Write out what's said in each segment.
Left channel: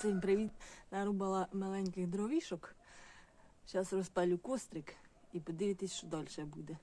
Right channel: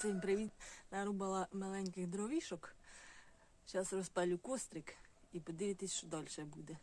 Всім привіт! Нарубала маленьких дровішок. Зараз розпалю кострик і подивитись, що далі буде.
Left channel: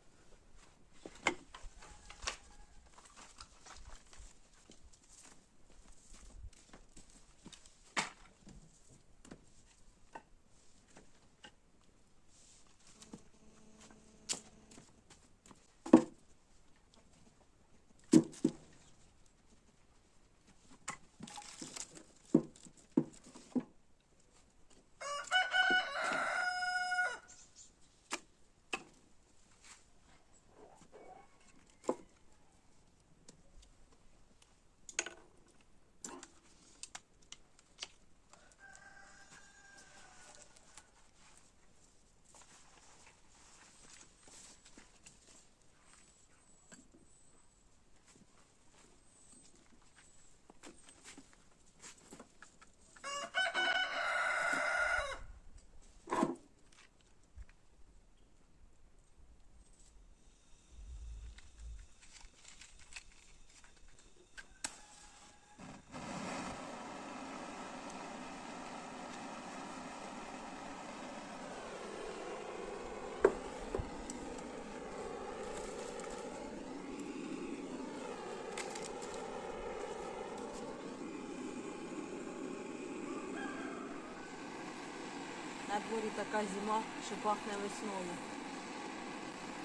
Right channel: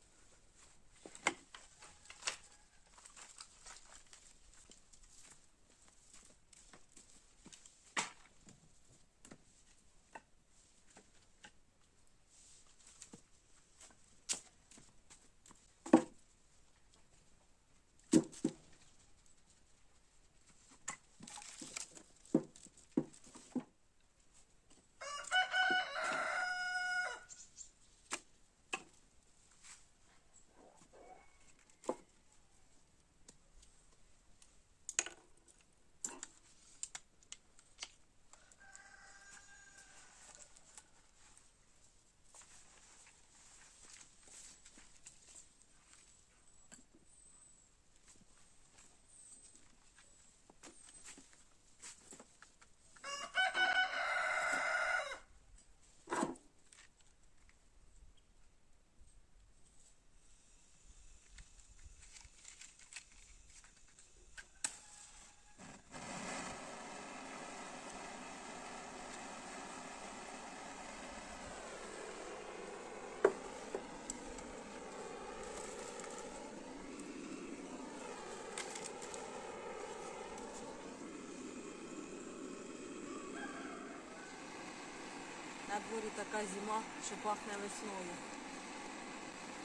На дворі така зима, що пахне весною.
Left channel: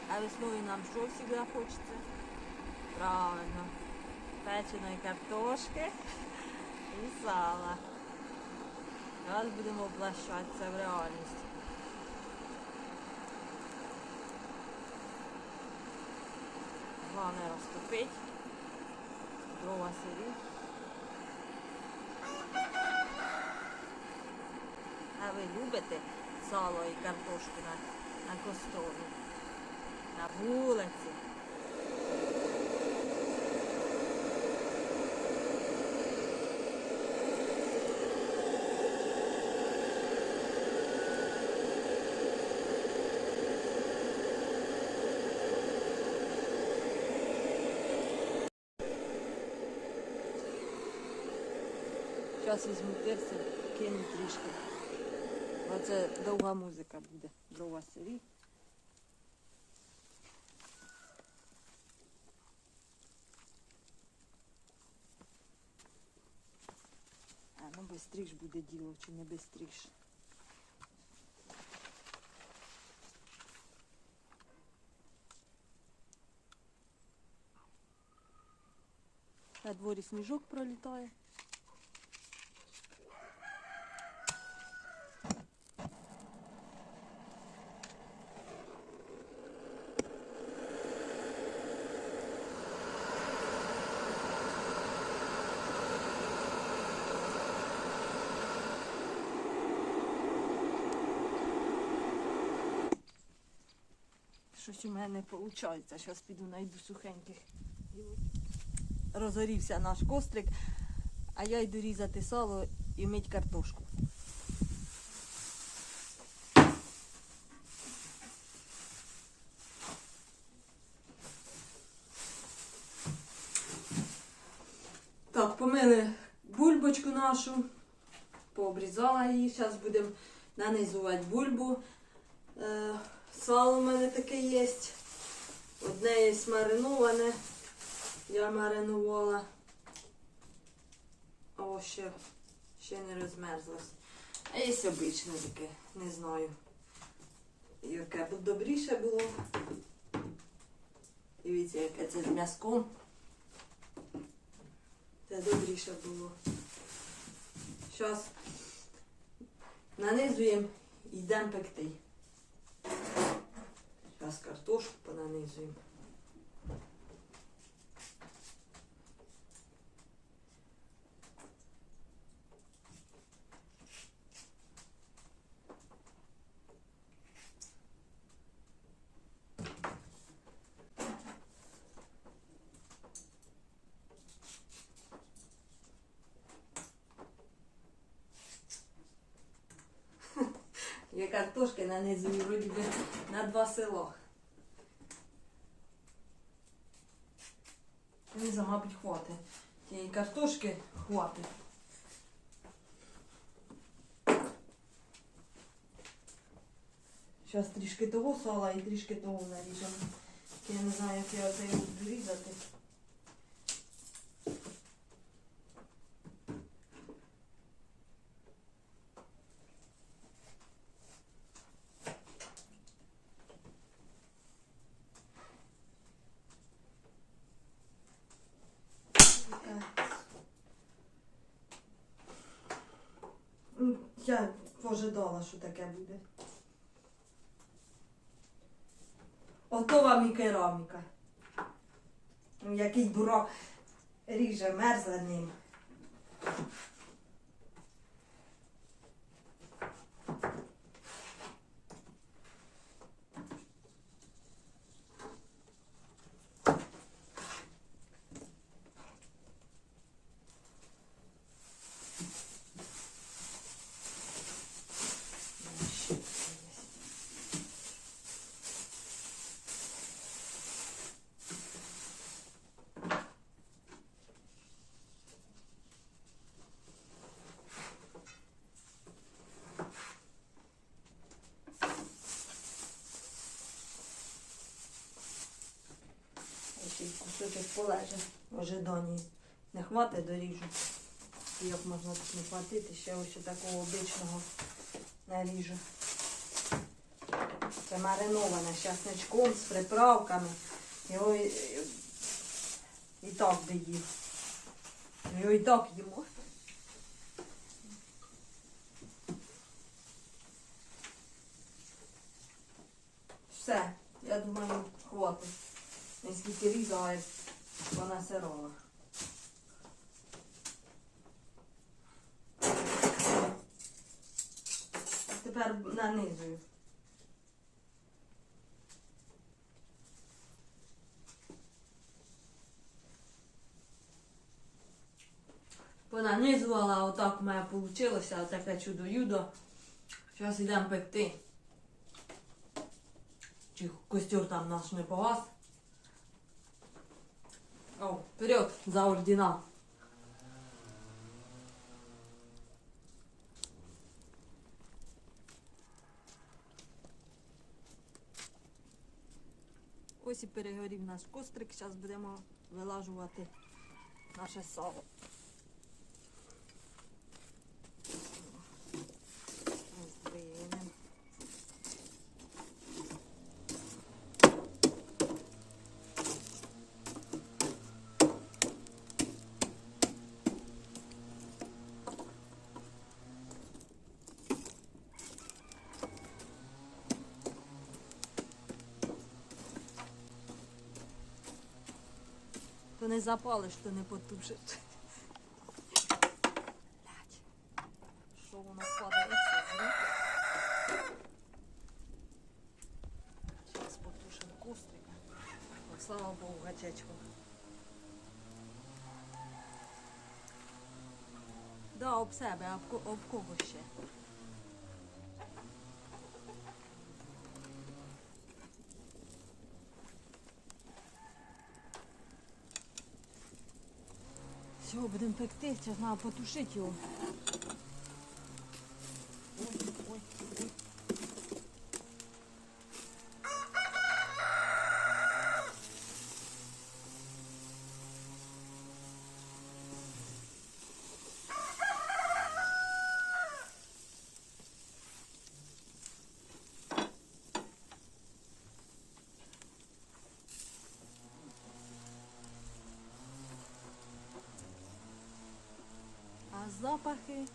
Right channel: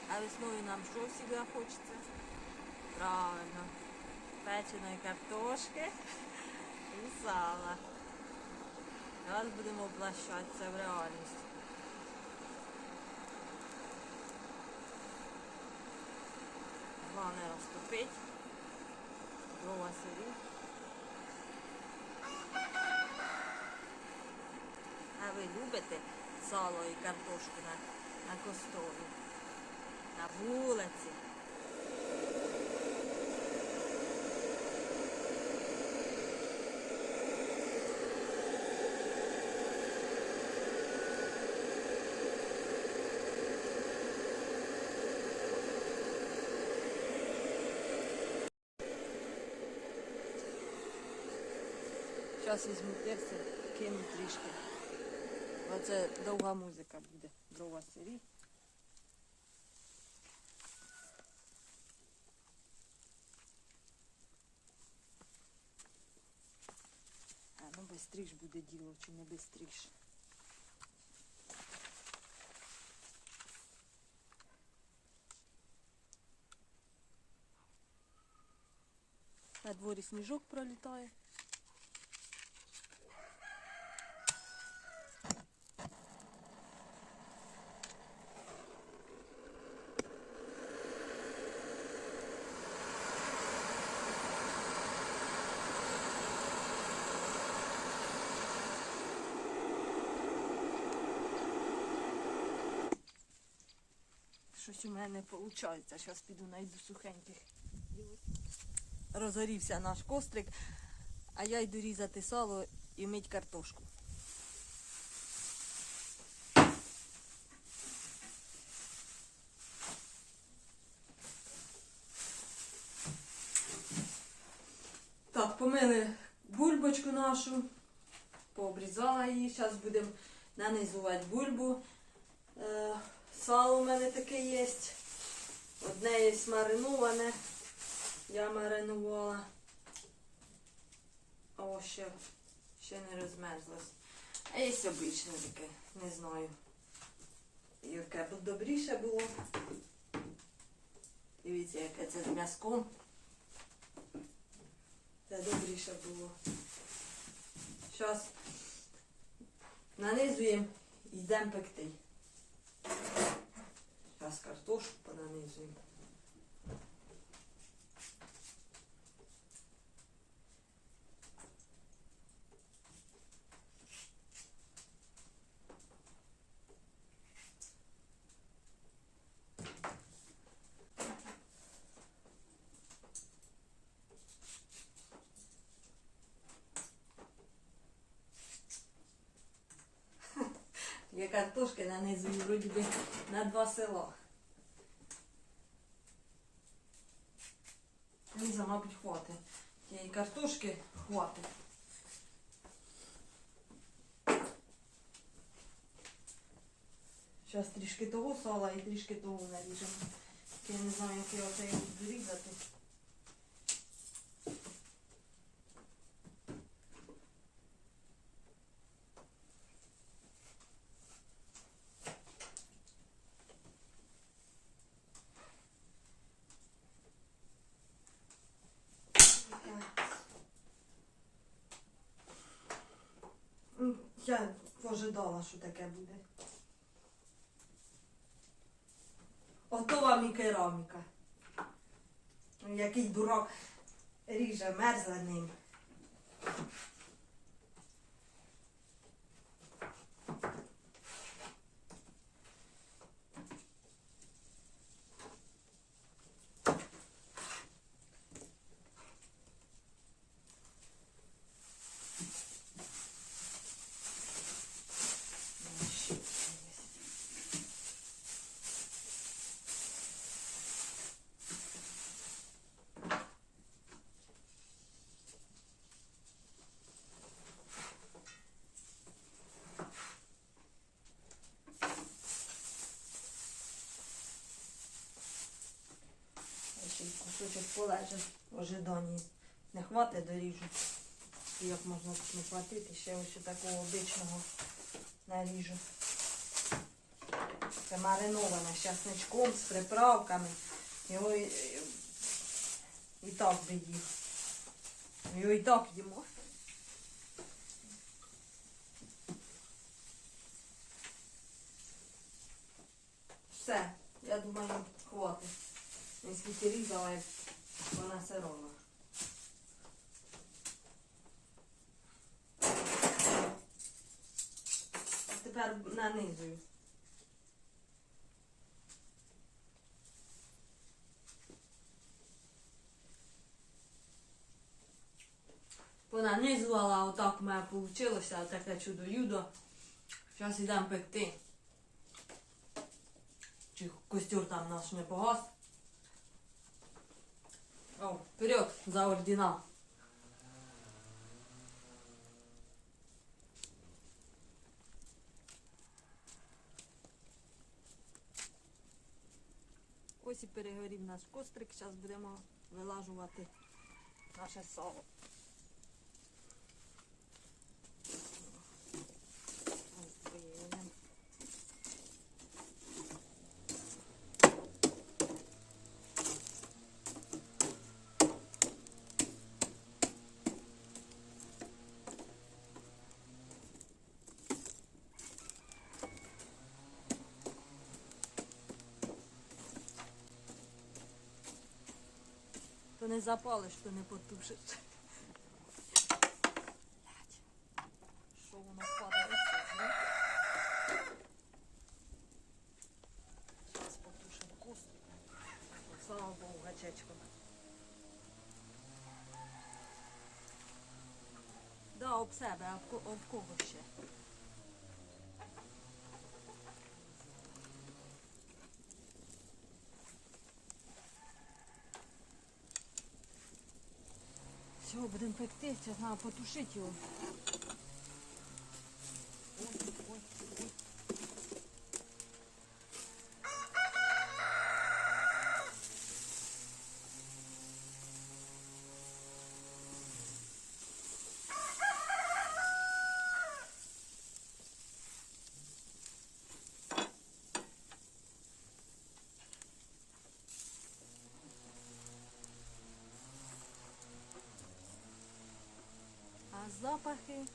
А весною нам що завжди хочеться? Правильно. Печеної картошки і сала. Зараз будемо облащатися в реальність. Головне розтопить. Дрова сирі. Ви любите сало і картошку на, на кострові? На вулиці? Зараз візьму перця, кину трішки. Оце довга музика буде. Дрова сирі. А ну бистріш буде діло, чи не бистріш. На дворі сніжок пролітає. Щось у мене не виходить. Зараз піду знайду сухеньких. Розгорівся наш кострик, а я йду різати сало і мить картошку. Так, помили бульбочку нашу, пообрізала її. Зараз будемо нанизувати бульбу. Сало в мене таке є. Одне є мариноване. Я маринувала. Ось ще, ще не розмерзлось. А є обичне таке, не знаю. Яке б добріше було. Дивіться, яке це з м'язком. Це добріше було. Зараз нанизуємо і йдемо пекти. Зараз картошку понанизуємо. Я картошки нанизую вроді би на два села. Мені, мабуть, хватить. Тієї картошки хватить. Зараз трішки того сала і трішки того наріжемо. Я не знаю, як я оце буду різати. Я пожидала, що таке буде. Ото вам і кераміка. Ну, Який дурак ріже мерзле ним. Ще й кусочок в ожиданні. Не хватить, доріжу. Як можна тут не хватити, ще ось такого обичного наріжу. Це мариноване з часничком, з приправками. Його і- і так би їв. Його і так їмо. Все, я думаю, хватить. Не скільки різала, як вона сирова. Тепер нанизую. Понанизувала, отак у мене вийшло, таке чудо-юдо. Зараз йдемо пекти. Чи костюр там наш не погас. О, вперед за ордена. Ось і перегорів наш кострик. Зараз будемо вилажувати наше сало. То не запалиш, то не потушить. Що воно падає? Зараз потушимо кострика. Слава Богу, гачечко. Да, об себе, об, об кого ще? Все, будемо пекти, зараз треба потушити його. Запахи.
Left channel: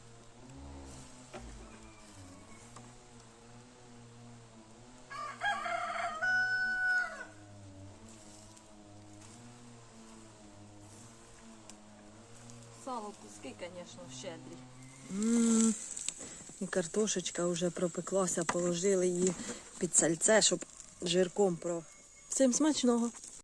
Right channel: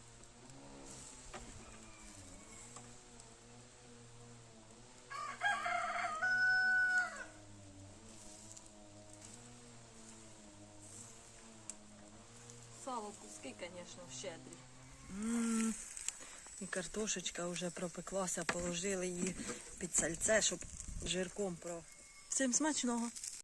Сало куски, звісно, щедрі. І картошечка вже пропеклася, положили її під сальце, щоб жирком про. Всім смачного!